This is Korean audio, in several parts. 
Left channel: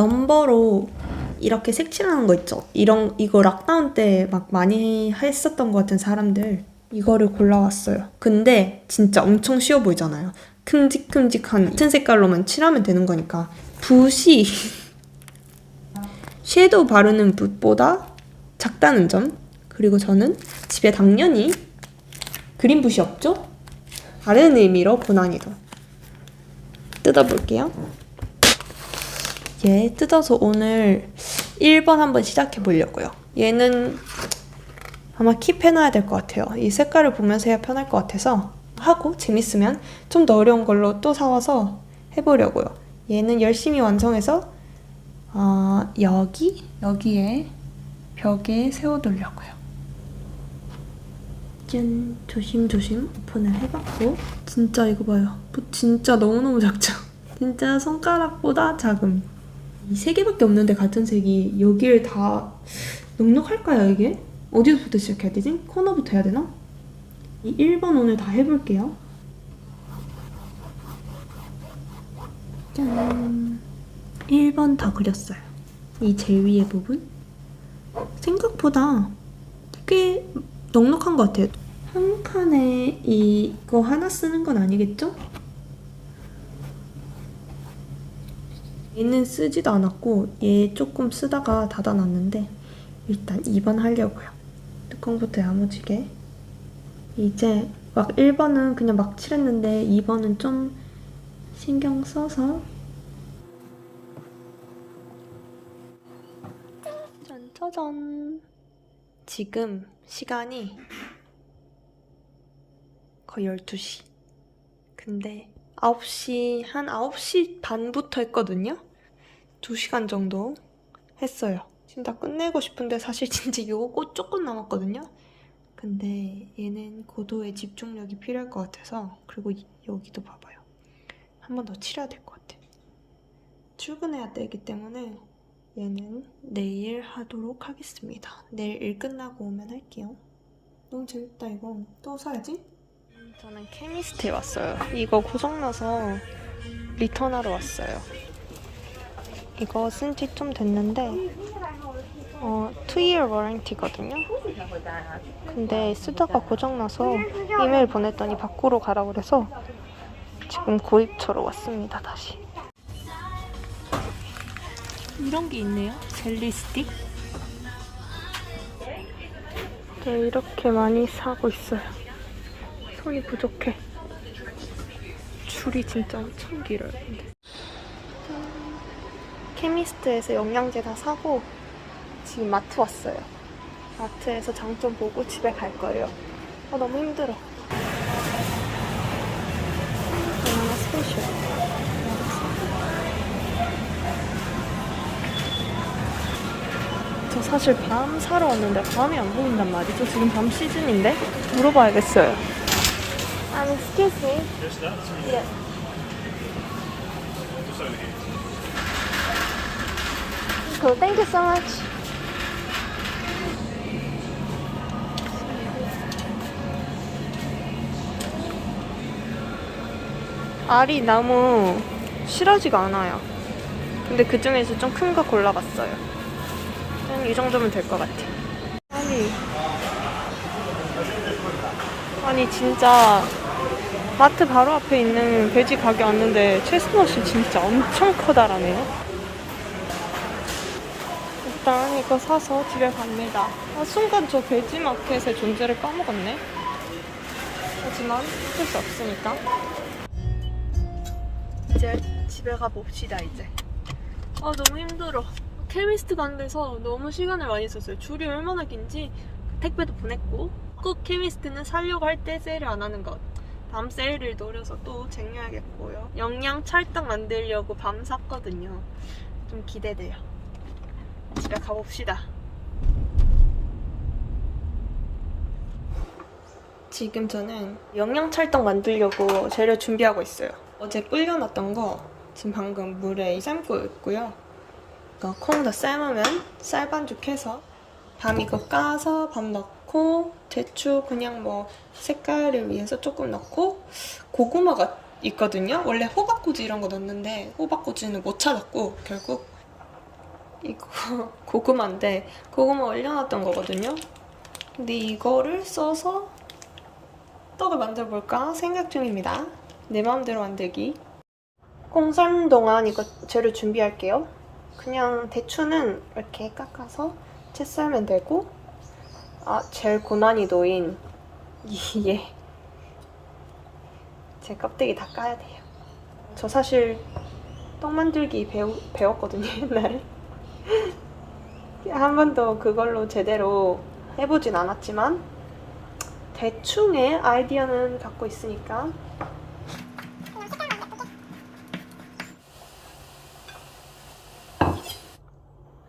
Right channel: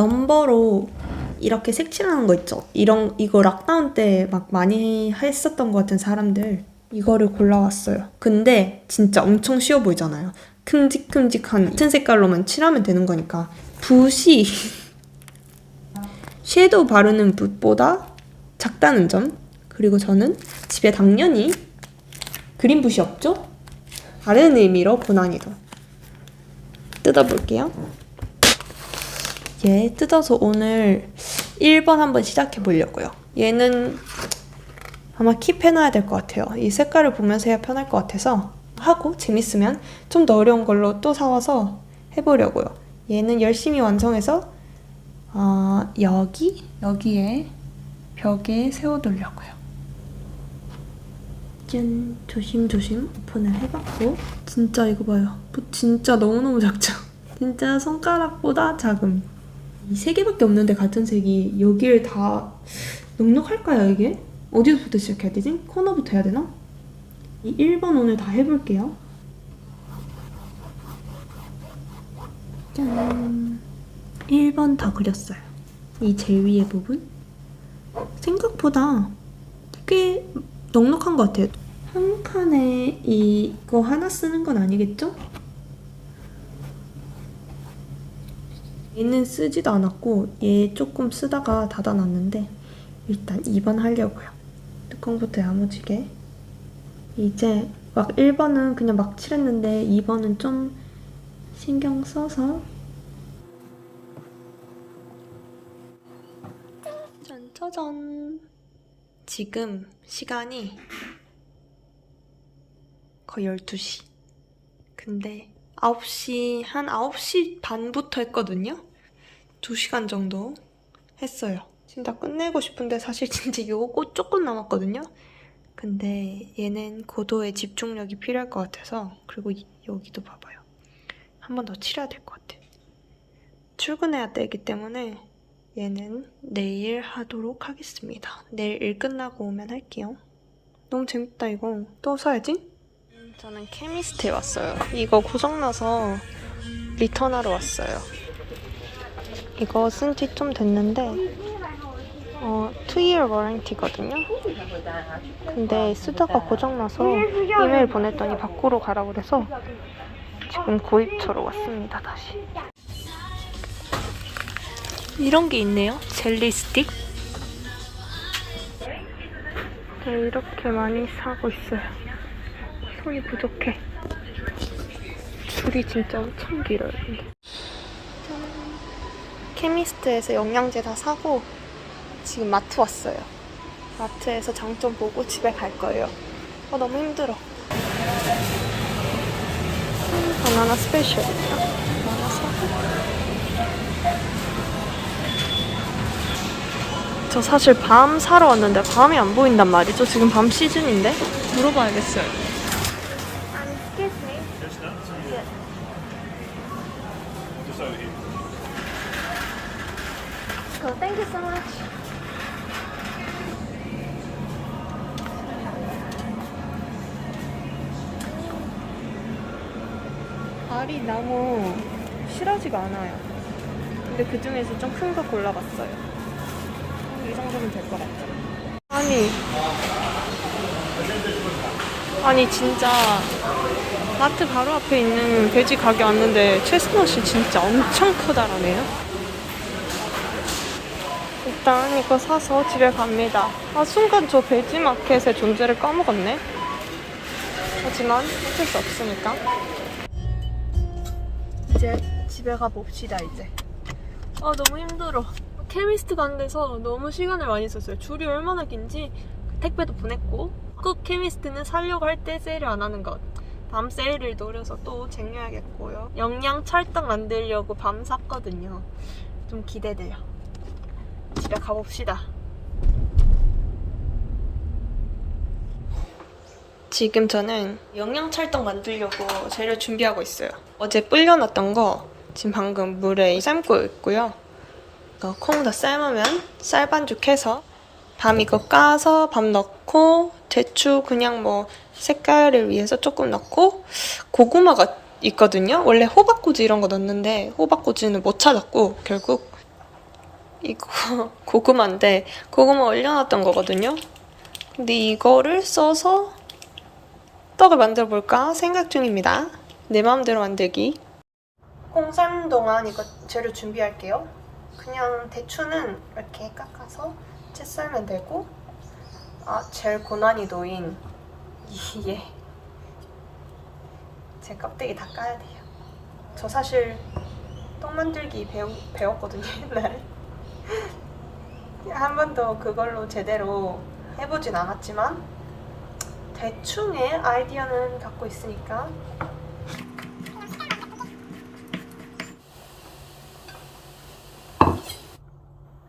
넘버로 이렇게 색칠하는 거 있죠? 이거 락다운 때 막 많이 했었던 것 같은 사람들 이거를 골라왔어요. 근데 진짜 엄청 쉬워 보이잖아요. 큼직큼직한 같은 색깔로만 칠하면 되는 거니까 붓이 섀도우 바르는 붓보다 작다는 점. 그리고 저는 집에 당연히 그린 붓이 없죠? 다른 의미로 고난이도 뜯어볼게요. 얘 뜯어서 오늘 1번 한번 시작해 보려고요. 얘는 아마 킵해놔야 될 것 같아요. 이 색깔을 보면서 해야 편할 것 같아서 하고 재밌으면 좀 더 어려운 걸로 또 사와서 해보려고요. 얘는 열심히 완성해서 여기에 벽에 세워두려고요. 짠! 조심조심 오픈을 해봤고 진짜 이거 봐요. 진짜 너무너무 작죠? 진짜 손가락보다 작음. 이 세 개밖에 없는데 같은 색이 여기를 다 넉넉할까요 이게? 어디서부터 시작해야 되지? 코너부터 해야 되나? 이 1번 오늘 다 해볼게요. 짠! 1번 다 그렸어요. 이 제일 위에 부분? 생각보다 꽤 넉넉한 것 같아요. 한 칸에 이거 하나 쓰는 건 아니겠죠? 얘는 쓰지도 않았고 얘 조금 쓰다가 닫아놨는데 일단 2번 하려고요. 뚜껑부터 야무지게. 이제 막 1번은 그냥 막 칠했는데 2번은 좀 신경 써서 짜잔! 지금 시간이 거의 12시. 근데 9시, 한 9시 반부터 했거든요? 2시간 정도 했어요. 진짜 끝내고 싶은데 사실 진짜 요거 조금 남았거든요? 근데 얘는 고도의 집중력이 필요할 것 같아서. 그리고 여기도 봐봐요. 한 번 더 칠해야 될 것 같아. 출근해야 되기 때문에 얘는 내일 하도록 하겠습니다. 내일 일 끝나고 오면 할게요. 너무 재밌다 이거. 또 사야지? 저는 케미스트에 왔어요. 이거 고장나서 리턴하러 왔어요. 이거 쓴 지 좀 됐는데 2year warranty거든요. 근데 쓰다가 고장나서 이메일 보냈더니 바꾸러 가라고 그래서 지금 구입처로 왔습니다. 다시. 이런 게 있네요. 젤리 스틱. 네, 이렇게 많이 사고 있어요. 손이 부족해. 줄이 진짜 엄청 길어요. 근데. 케미스트에서 영양제 다 사고 지금 마트 왔어요. 마트에서 장점 보고 집에 갈 거예요. 너무 힘들어. 바나나 스페셜입니다. 바나나 사고. 저 사실 밤 사러 왔는데 밤이 안 보인단 말이죠. 지금 밤 시즌인데? 물어봐야겠어요. Excuse me. Yeah. Just over here. Cool. Thank you so much. 알이 너무 실하지가 않아요. 근데 그 중에서 좀 큰 거 골라봤어요. 한 이 정도면 될 것 같아. 아니 진짜 마트 바로 앞에 있는 돼지 가게 왔는데 체스넛이 진짜 엄청 커다라네요. 일단 이거 사서 집에 갑니다. 순간 저 돼지 마켓의 존재를 까먹었네. 하지만 어쩔 수 없으니까. 이제 집에 가봅시다 이제. 너무 힘들어. 케미스트 간 데서 너무 시간을 많이 썼어요. 줄이 얼마나 긴지. 택배도 보냈고. 꼭 케미스트는 사려고 할 때 세일 안 하는 것. 밤 세일을 노려서 또 쟁여야겠고요. 영양 찰떡 만들려고 밤 샀거든요. 좀 기대돼요. 집에 가봅시다. 지금 저는 영양 찰떡 만들려고 재료 준비하고 있어요. 어제 불려놨던 거 지금 방금 물에 삶고 있고요. 이거 콩도 삶으면 쌀반죽해서 밤 이거 까서 밤 넣고 대추 그냥 뭐 색깔을 위해서 조금 넣고 고구마가 있거든요. 원래 호박꼬지 이런 거 넣었는데 호박꼬지는 못 찾았고 결국 이거 고구마인데 고구마 얼려놨던 거거든요. 근데 이거를 써서 떡을 만들어 볼까 생각 중입니다. 내 마음대로 만들기. 콩 삶는 동안 이거 재료 준비할게요. 그냥 대추는 이렇게 깎아서 채 썰면 되고, 제일 고난이 도인 이게 제 껍데기 다 까야 돼요. 저 사실 떡 만들기 배웠거든요, 옛날에. 한 번도 그걸로 제대로 해보진 않았지만 대충의 아이디어는 갖고 있으니까.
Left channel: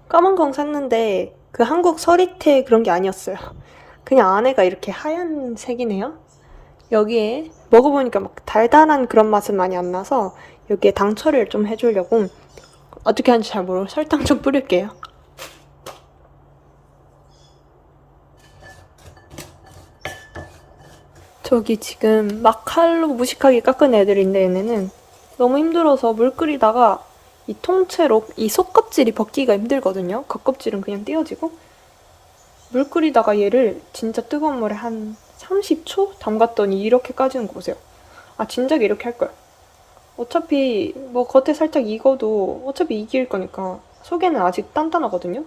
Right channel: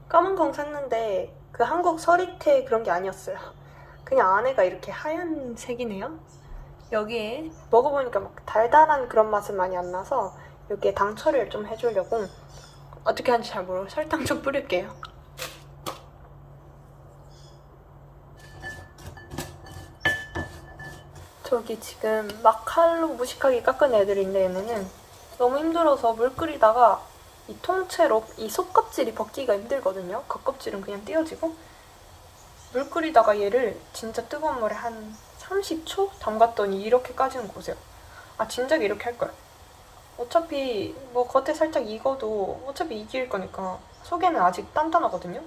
까만 콩 샀는데 그 한국 서리태 그런 게 아니었어요. 그냥 안에가 이렇게 하얀 색이네요. 여기에 먹어보니까 막 달달한 그런 맛은 많이 안 나서 여기에 당 처리를 좀 해주려고, 어떻게 하는지 잘 모르고 설탕 좀 뿌릴게요. 저기 지금 막 칼로 무식하게 깎은 애들인데, 얘네는 너무 힘들어서 물 끓이다가 이 통째로 이 속껍질이 벗기가 힘들거든요. 겉껍질은 그냥 떼어지고, 물 끓이다가 얘를 진짜 뜨거운 물에 한 30초 담갔더니 이렇게 까지는 거 보세요. 진작에 이렇게 할걸. 어차피 뭐 겉에 살짝 익어도 어차피 이길 거니까 속에는 아직 단단하거든요.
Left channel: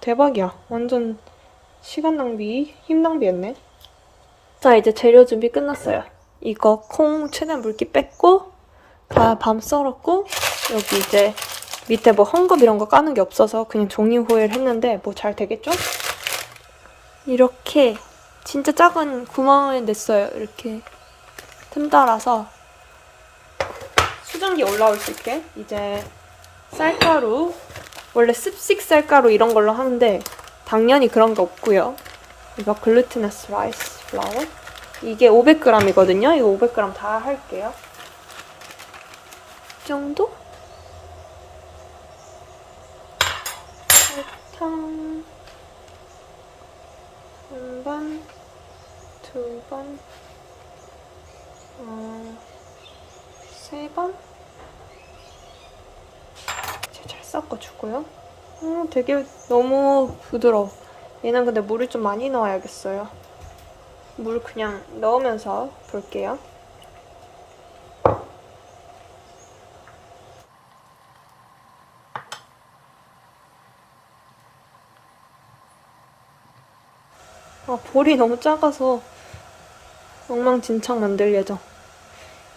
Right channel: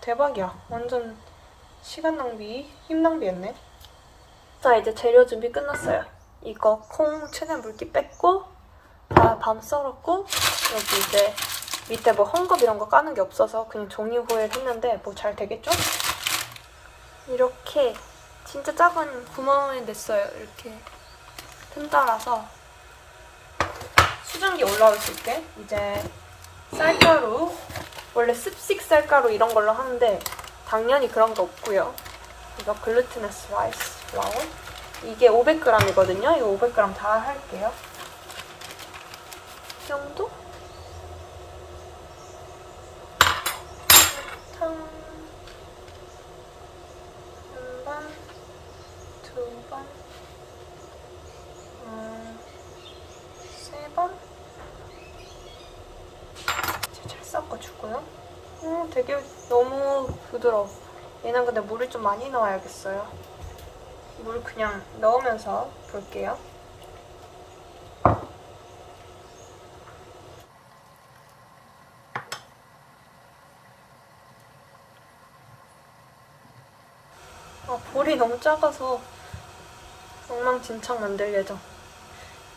대박이야. 완전 시간 낭비, 힘 낭비했네. 자, 이제 재료 준비 끝났어요. 이거 콩 최대한 물기 뺐고, 다 밤 썰었고, 여기 이제 밑에 뭐 헝겊 이런 거 까는 게 없어서 그냥 종이 호일 했는데 뭐 잘 되겠죠? 이렇게 진짜 작은 구멍을 냈어요. 이렇게 틈 따라서 수증기 올라올 수 있게. 이제 쌀가루, 원래 습식 쌀가루 이런 걸로 하는데 당연히 그런 게 없고요. 이거 글루티너스 라이스 플라워, 이게 500g이거든요. 이거 500g 다 할게요. 이 정도? 설탕 한 번, 두 번, 세 번. 이제 잘 섞어주고요. 되게 너무 부드러워. 얘는 근데 물을 좀 많이 넣어야겠어요. 물 그냥 넣으면서 볼게요. 볼이 너무 작아서 엉망진창 만들 예정.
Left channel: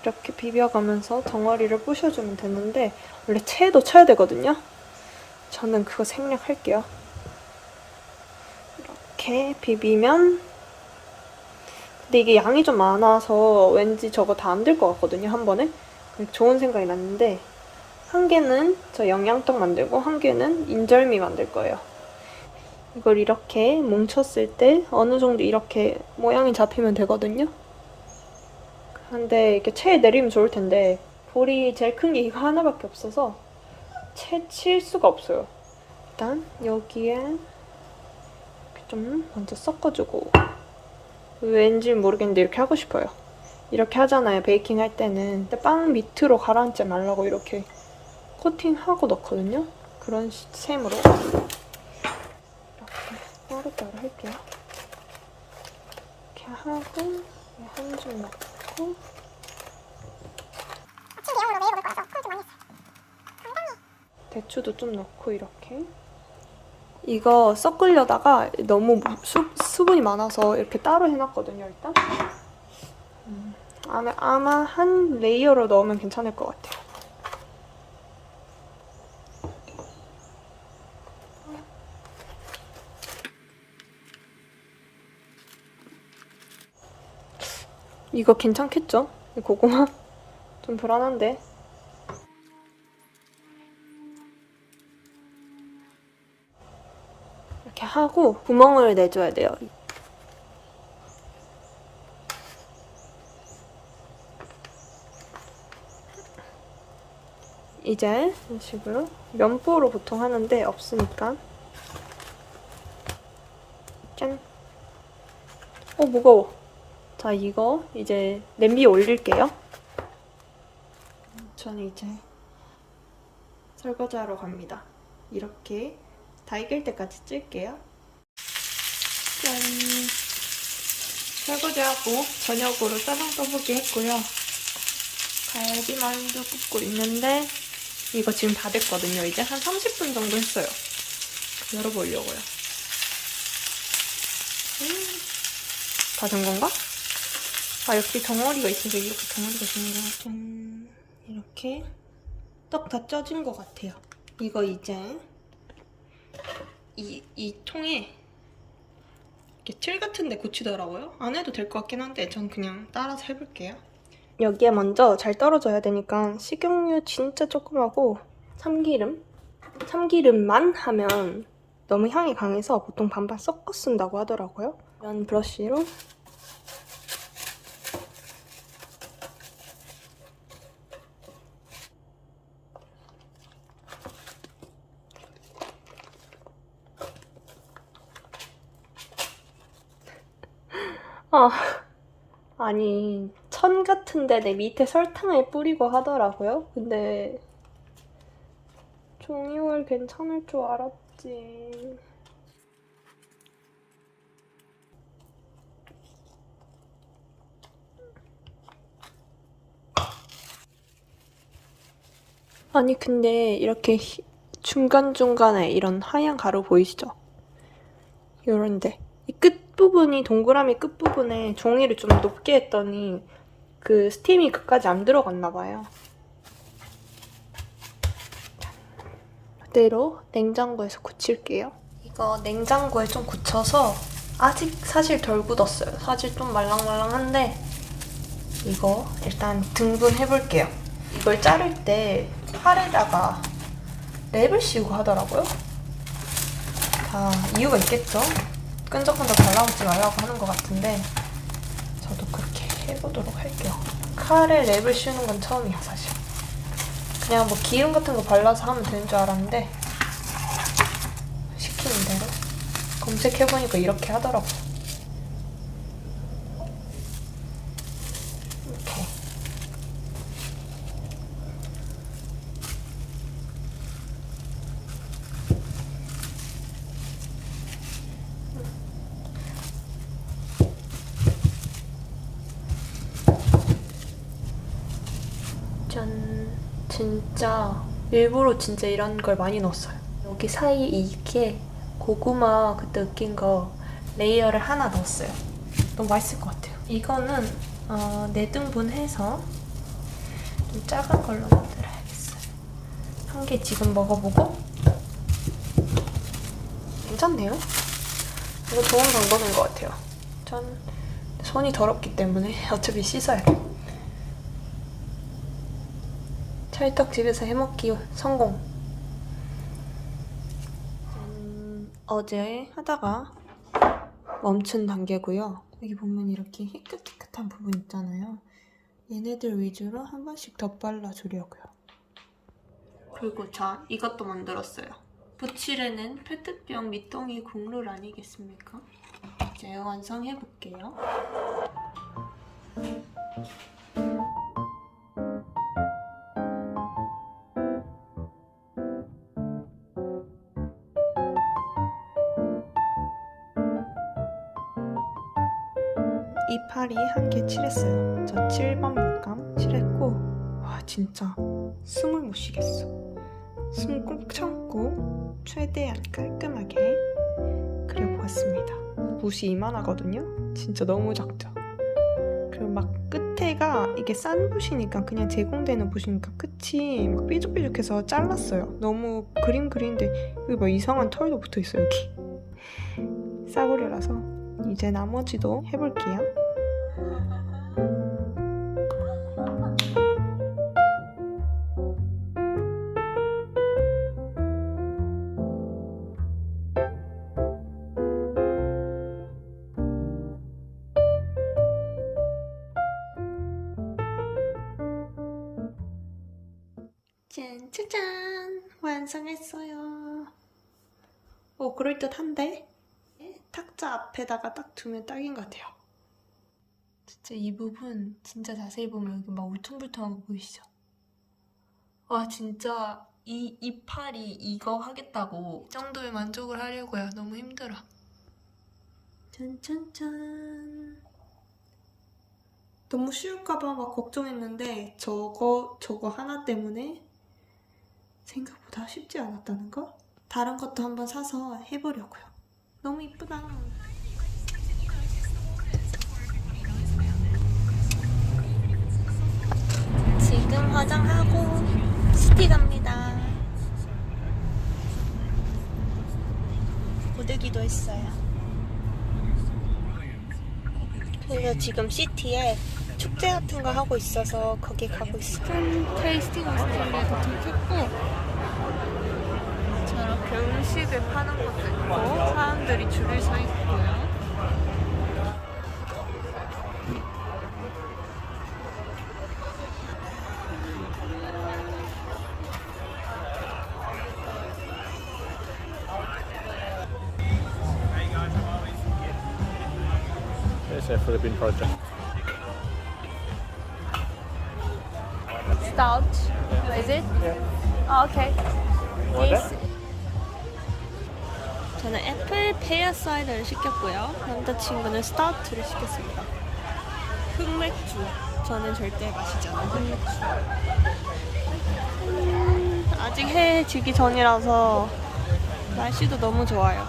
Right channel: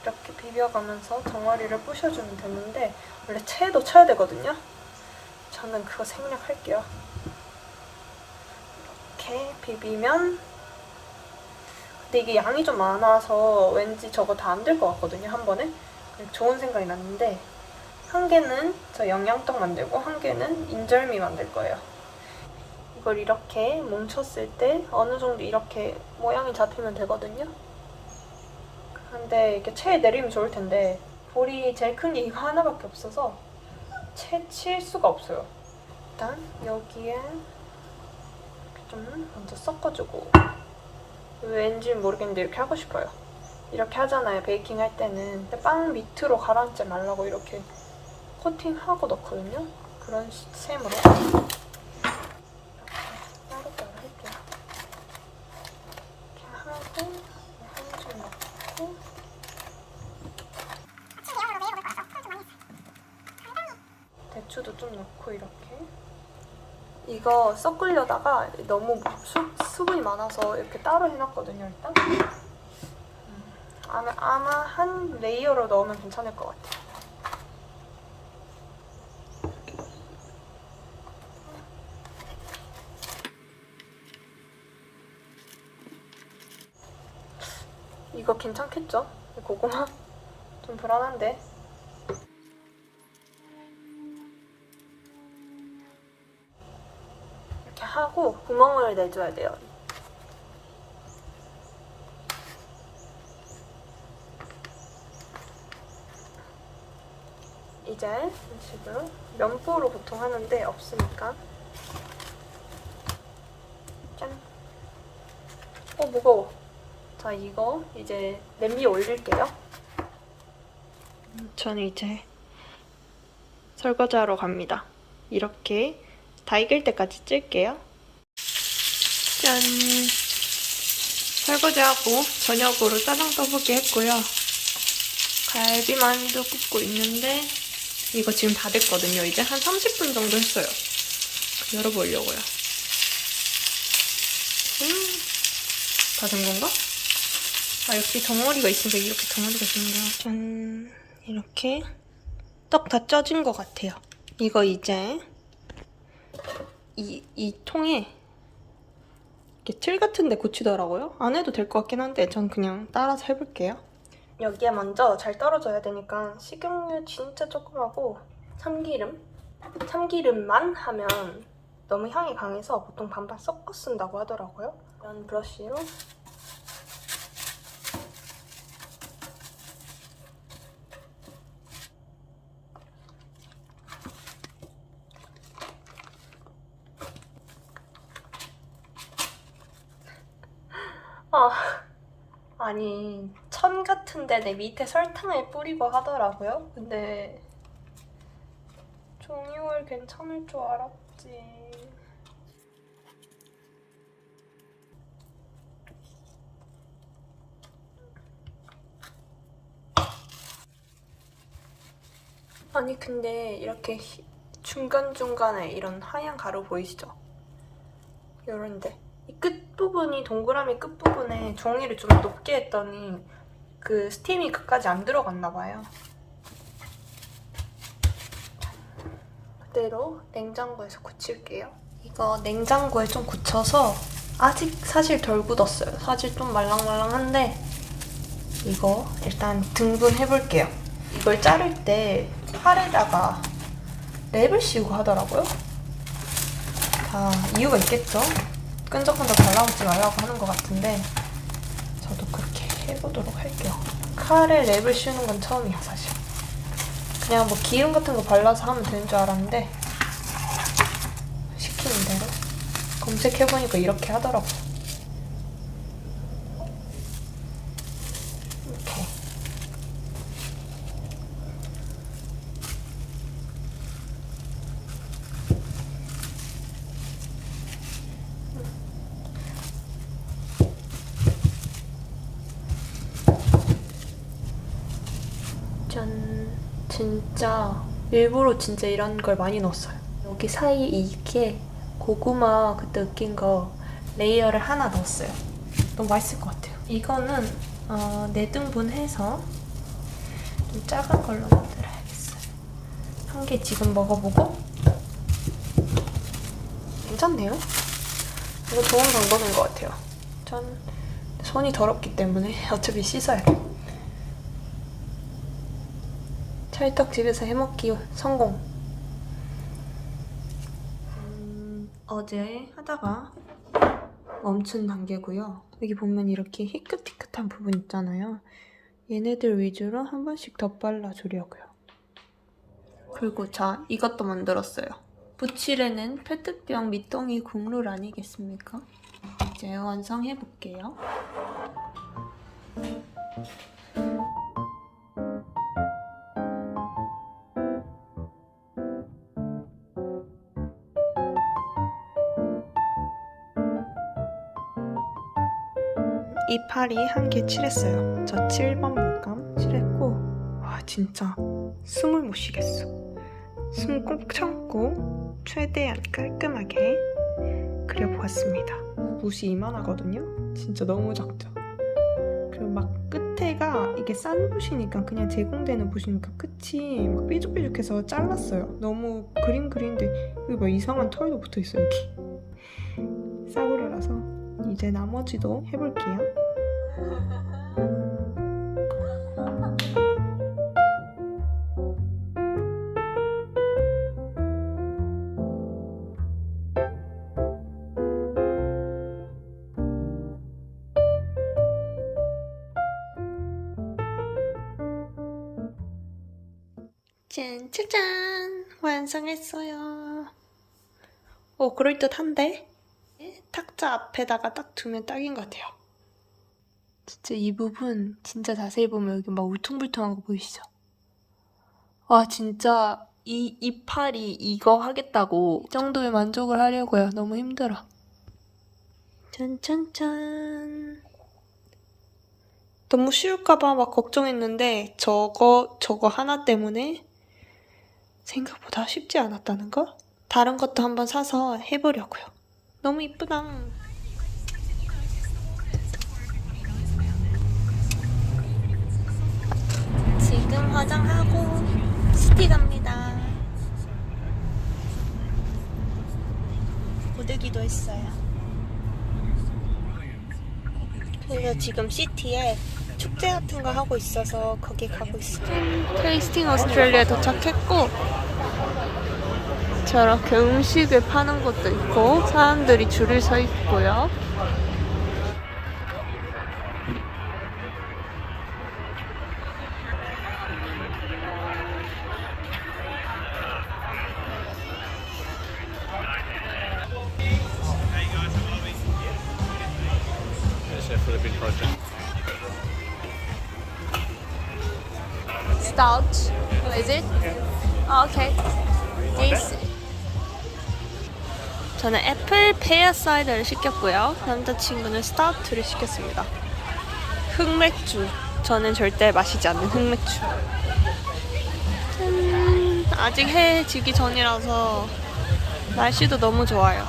이렇게 비벼가면서 덩어리를 부셔주면 되는데, 원래 체에도 쳐야 되거든요. 저는 그거 생략할게요. 이렇게 비비면, 근데 이게 양이 좀 많아서 왠지 저거 다 안 될 것 같거든요, 한 번에. 좋은 생각이 났는데, 한 개는 저 영양떡 만들고 한 개는 인절미 만들 거예요. 이걸 이렇게 뭉쳤을 때 어느 정도 이렇게 모양이 잡히면 되거든요. 근데 이렇게 체에 내리면 좋을 텐데 볼이 제일 큰 게 이거 하나밖에 없어서 채 칠 수가 없어요. 일단 여기에 이렇게 좀 먼저 섞어주고, 왠지 모르겠는데 이렇게 하고 싶어요. 이렇게 하잖아요, 베이킹 할 때는. 근데 빵 밑으로 가라앉지 말라고 이렇게 코팅하고 넣거든요. 그런 셈으로 이렇게 따로따로 할게요. 이렇게 하고 한 줄 넣고, 대추도 좀 넣고 이렇게. 이거 섞으려다가 너무 수분이 많아서 이렇게 따로 해놨거든요, 일단. 안에 아마 한 레이어로 넣으면 괜찮을 것 같아요. 이거 괜찮겠죠? 이 고구마? 좀 불안한데. 이렇게 하고 구멍을 내줘야 돼요. 이제 지금 면보로 보통 하는데 없으니까 짠! 무거워. 자, 이거 이제 냄비에 올릴게요. 저는 이제 설거지하러 갑니다. 이렇게 다 익을 때까지 찔게요. 짠! 설거지하고 저녁으로 짜장 떡볶이 했고요. 갈비만두 굽고 있는데 이거 지금 다 됐거든요. 이제 한 30분 정도 했어요. 열어보려고요. 다 된 건가? 아, 역시 덩어리가 있으니까 이렇게 덩어리가 있는구나. 짠! 이렇게 떡 다 쪄진 것 같아요. 이거 이제 이 통에 이렇게 틀 같은 데 고치더라고요. 안 해도 될 것 같긴 한데 전 그냥 따라서 해볼게요. 여기에 먼저 잘 떨어져야 되니까 식용유 진짜 조금 하고 참기름만 하면 너무 향이 강해서 보통 반반 섞어 쓴다고 하더라고요. 면 브러쉬로 아니 천 같은데 내 밑에 설탕을 뿌리고 하더라고요. 근데 종이월 괜찮을 줄 알았지. 아니 근데 이렇게 중간중간에 이런 하얀 가루 보이시죠? 요런데 이 끝부분이 동그라미 끝부분에 종이를 좀 높게 했더니 그 스팀이 그까지 안 들어갔나 봐요. 그대로 냉장고에서 굳힐게요. 이거 냉장고에 좀 굳혀서 아직 사실 덜 굳었어요. 사실 좀 말랑말랑한데 이거 일단 등분해볼게요. 이걸 자를 때 팔에다가 랩을 씌우고 하더라고요. 다 이유가 있겠죠? 끈적끈적 발라먹지 말라고 하는 것 같은데 저도 그렇게 해보도록 할게요. 칼에 랩을 씌우는 건 처음이야 사실. 그냥 뭐 기름 같은 거 발라서 하면 되는 줄 알았는데 시키는 대로 검색해보니까 이렇게 하더라고요. 이렇게. 짠. 진짜 일부러 진짜 이런 걸 많이 넣었어요. 여기 사이에 이게 고구마 그때 으깬 거 레이어를 하나 넣었어요. 너무 맛있을 것 같아요. 이거는 4등분 해서 좀 작은 걸로 만들어야겠어요. 한 개 지금 먹어보고 괜찮네요. 이거 좋은 방법인 것 같아요. 전 손이 더럽기 때문에 어차피 씻어야 돼요. 찰떡 집에서 해먹기 성공. 어제 하다가 멈춘 단계고요. 여기 보면 이렇게 희끗희끗한 부분 있잖아요. 얘네들 위주로 한 번씩 더 발라주려고요. 그리고 자, 이것도 만들었어요. 부칠에는 페트병 밑동이 국룰 아니겠습니까? 이제 완성해볼게요. 이파리 한 개 칠했어요. 저 7번 물감 칠했고 와 진짜 숨을 못 쉬겠어. 숨 꼭 참고 최대한 깔끔하게 그려보았습니다. 붓이 이만하거든요? 진짜 너무 작죠? 그리고 막 끝에가 이게 싼 붓이니까 그냥 제공되는 붓이니까 끝이 막 삐죽삐죽해서 잘랐어요. 너무 그림 그리는데 여기 막 이상한 털도 붙어있어요 여기. 싸구려라서 이제 나머지도 해볼게요. 짠, 짜잔! 완성했어요. 오, 그럴듯한데? 탁자 앞에다가 딱 두면 딱인 것 같아요. 진짜 이 부분 진짜 자세히 보면 여기 막 울퉁불퉁한 거 보이시죠? 와 진짜 이 이파리 이거 하겠다고 이 정도의 만족을 하려고요. 너무 힘들어. 짠짠짠. 너무 쉬울까봐 막 걱정했는데 저거 하나 때문에 생각보다 쉽지 않았다는 거? 다른 것도 한번 사서 해보려고요. 너무 이쁘다. 지금 화장하고 시티 갑니다. 고데기도 했어요. 그래서 지금 시티에 축제 같은 거 하고 있어서 거기 가고 있어요. 테이스팅 오스트레일리아에 도착했고 저렇게 음식을 파는 곳도 있고 사람들이 줄을 서 있고요. Philippine culture. Stout. Is it? Oh, okay. This. 저는 애플 페어 사이더를 시켰고요. 남자친구는 스타우트를 시켰습니다. 흑맥주. 저는 절대 마시지 않는 흑맥주. 짠. 아직 해 지기 전이라서 날씨도 너무 좋아요.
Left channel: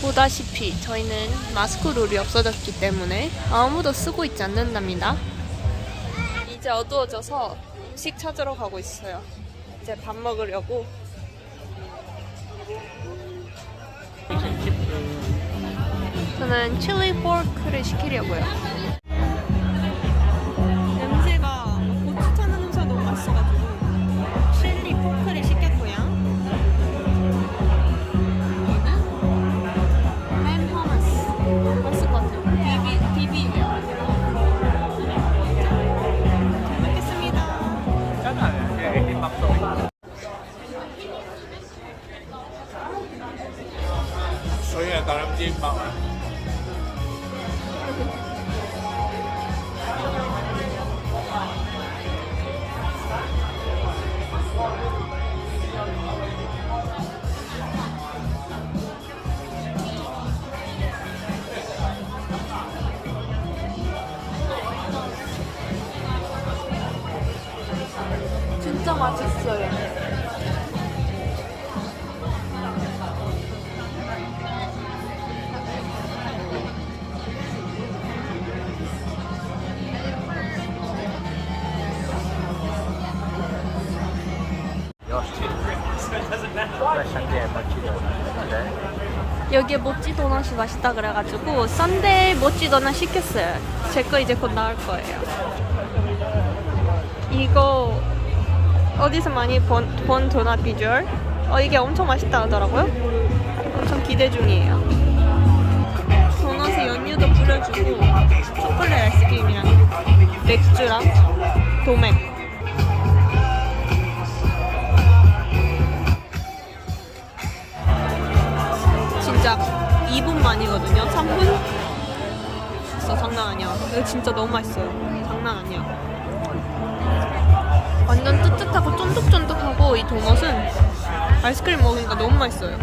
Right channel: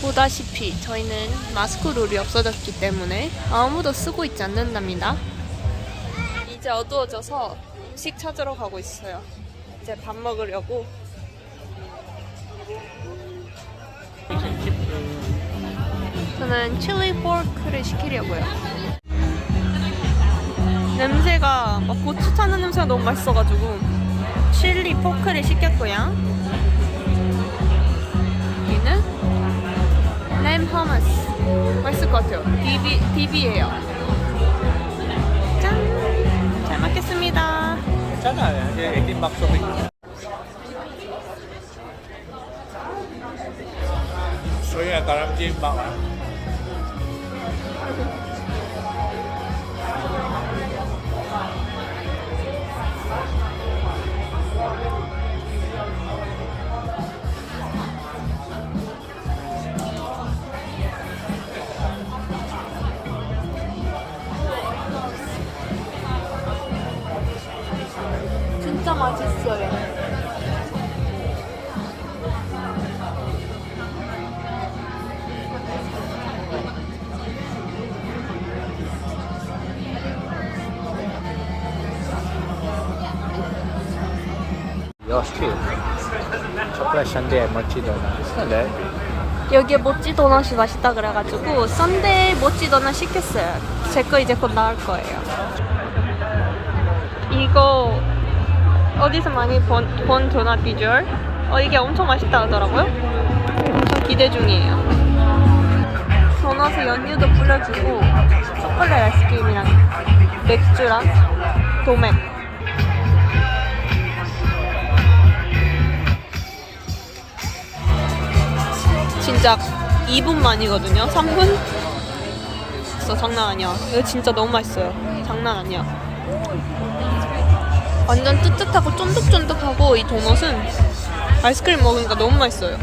보다시피 저희는 마스크 룰이 없어졌기 때문에 아무도 쓰고 있지 않는답니다. 이제 어두워져서 음식 찾으러 가고 있어요. 이제 밥 먹으려고. 저는 칠리 포크를 시키려고요. 냄새가 막 고추 타는 냄새가 너무 맛있어가지고 칠리 포크를 시켰고요. 램 허머스 맛있을 것 같아요. 비비예요. 짠! 잘 먹겠습니다. 괜찮아요. 애긴 박소리. 소희가 다람쥐 막. 진짜 맛있어요. Yours too. Chocolate sundae and mochi donut. 여기에 모찌 도넛이 맛있다 그래가지고 썬데이 모찌 도넛 시켰어요. 제 거 이제 곧 나올 거예요. 이거 어디서 많이 본 도넛 비주얼? 이게 엄청 맛있다 하더라고요. 엄청 기대 중이에요. 도넛에 연유도 뿌려주고 초콜릿 아이스크림이랑 맥주랑 도맥. 진짜 2분 만이거든요. 3분? 진짜 장난 아니야. 이거 진짜 너무 맛있어요. 장난 아니야. 완전 뜨뜻하고 쫀득쫀득하고 이 도넛은 아이스크림 먹으니까 너무 맛있어요.